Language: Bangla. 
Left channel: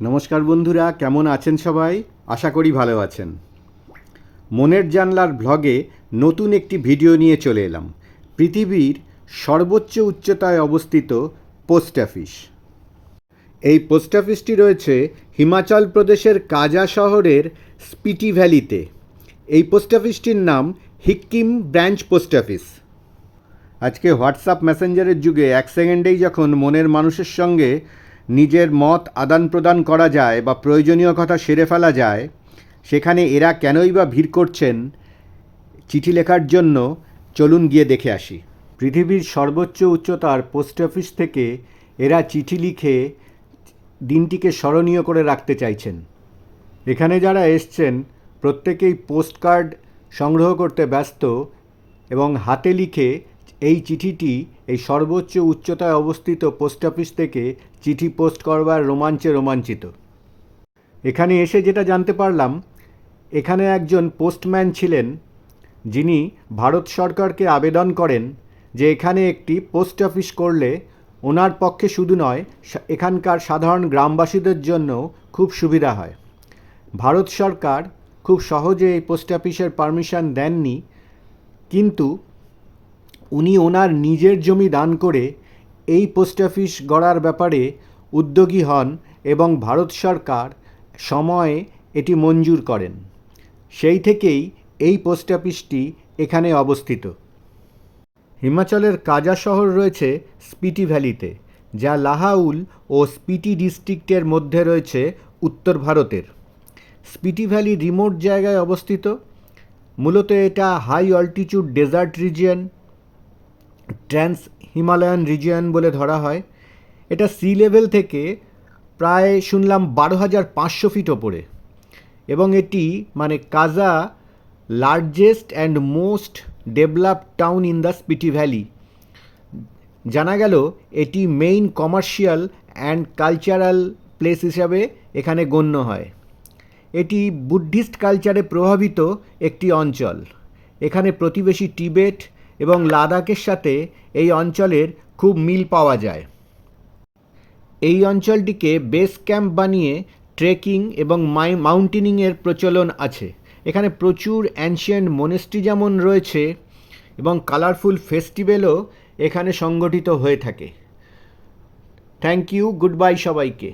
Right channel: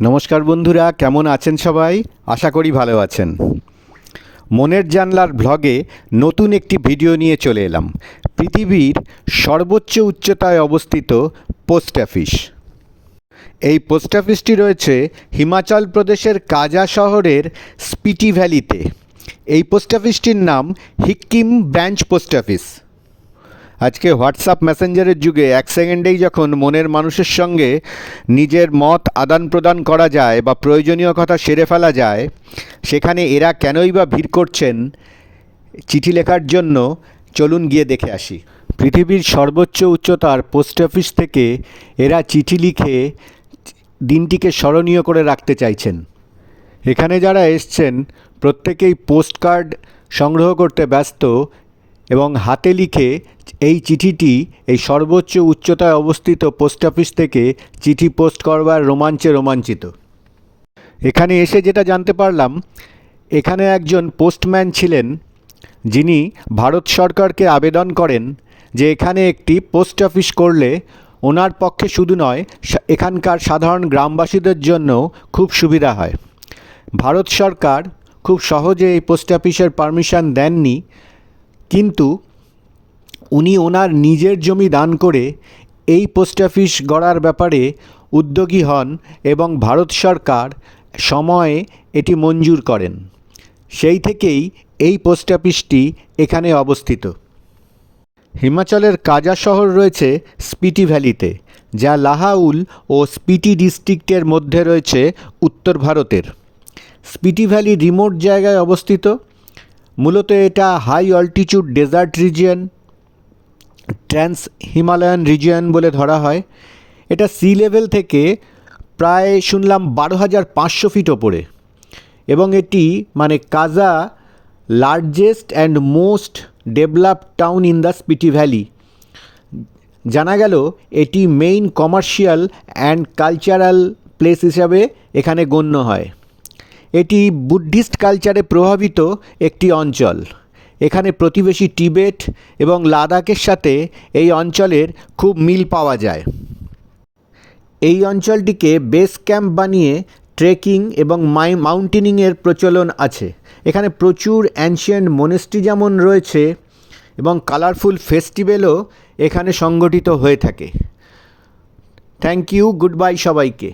নমস্কার বন্ধুরা, কেমন আছেন সবাই? আশা করি ভালো আছেন। মনের জানলার ব্লগে নতুন একটি ভিডিও নিয়ে চলে এলাম। পৃথিবীর সর্বোচ্চ উচ্চতায় অবস্থিত পোস্ট অফিস। এই পোস্ট অফিসটি রয়েছে হিমাচল প্রদেশের কাজা শহরের স্পিটি ভ্যালিতে। এই পোস্ট অফিসটির নাম হিক্কিম ব্রাঞ্চ পোস্ট অফিস। আজকে হোয়াটসঅ্যাপ মেসেঞ্জারের যুগে এক সেকেন্ডেই যখন মনের মানুষের সঙ্গে নিজের মত আদান প্রদান করা যায় বা প্রয়োজনীয় কথা সেরে ফেলা যায়, সেখানে এরা কেনই বা ভিড় করছেন চিঠি লেখার জন্য? চলুন গিয়ে দেখে আসি। পৃথিবীর সর্বোচ্চ উচ্চতার পোস্ট অফিস থেকে এরা চিঠি লিখে দিনটিকে স্মরণীয় করে রাখতে চাইছেন। এখানে যারা এসছেন প্রত্যেকেই পোস্ট কার্ড সংগ্রহ করতে ব্যস্ত এবং হাতে লিখে এই চিঠিটি এই সর্বোচ্চ উচ্চতায় অবস্থিত পোস্ট অফিস থেকে চিঠি পোস্ট করবার রোমাঞ্চে রোমাঞ্চিত। এখানে এসে যেটা জানতে পারলাম, এখানে একজন পোস্টম্যান ছিলেন যিনি ভারত সরকারকে আবেদন করেন যে এখানে একটি পোস্ট অফিস করলে ওনার পক্ষে শুধু নয়, এখানকার সাধারণ গ্রামবাসীদের জন্য খুব সুবিধা হয়। ভারত সরকার খুব সহজে এই পোস্ট অফিসের পারমিশন দেননি, কিন্তু উনি ওনার নিজের জমি দান করে এই পোস্ট অফিস গড়ার ব্যাপারে উদ্যোগী হন এবং ভারত সরকার সময়ে এটি মঞ্জুর করেন। সেই থেকেই এই পোস্ট অফিসটি এখানে অবস্থিত। হিমাচলের কাজা শহর রয়েছে স্পিটি ভ্যালিতে, যা লাহাউল ও স্পিটি ডিস্ট্রিক্টের মধ্যে রয়েছে উত্তর ভারতের। স্পিটি ভ্যালি রিমোট জায়গায় অবস্থিত। মূলত এটা high altitude desert region, trans Himalayan region বলে ধরা হয়। এটা সি লেভেল থেকে প্রায় শুনলাম 12,500 ফিট ওপরে, এবং এটি মানে কাজা largest and most developed town in the Spiti valley. জানা গেল এটি main commercial and cultural place হিসাবে এখানে গণ্য হয়। এটি বুদ্ধিস্ট কালচারে প্রভাবিত একটি অঞ্চল। এখানে প্রতিবেশী টিবেট এবং লাদাখের সাথে এই অঞ্চলের খুব মিল পাওয়া যায়। এই অঞ্চলটিকে বেস ক্যাম্প বানিয়ে ট্রেকিং এবং মাউন্টেনিংয়ের প্রচলন আছে। এখানে প্রচুর অ্যানশিয়েন্ট মনেস্ট্রি যেমন রয়েছে এবং কালারফুল ফেস্টিভ্যালও এখানে সংগঠিত হয়ে থাকে। থ্যাংক ইউ, গুড বাই সবাইকে।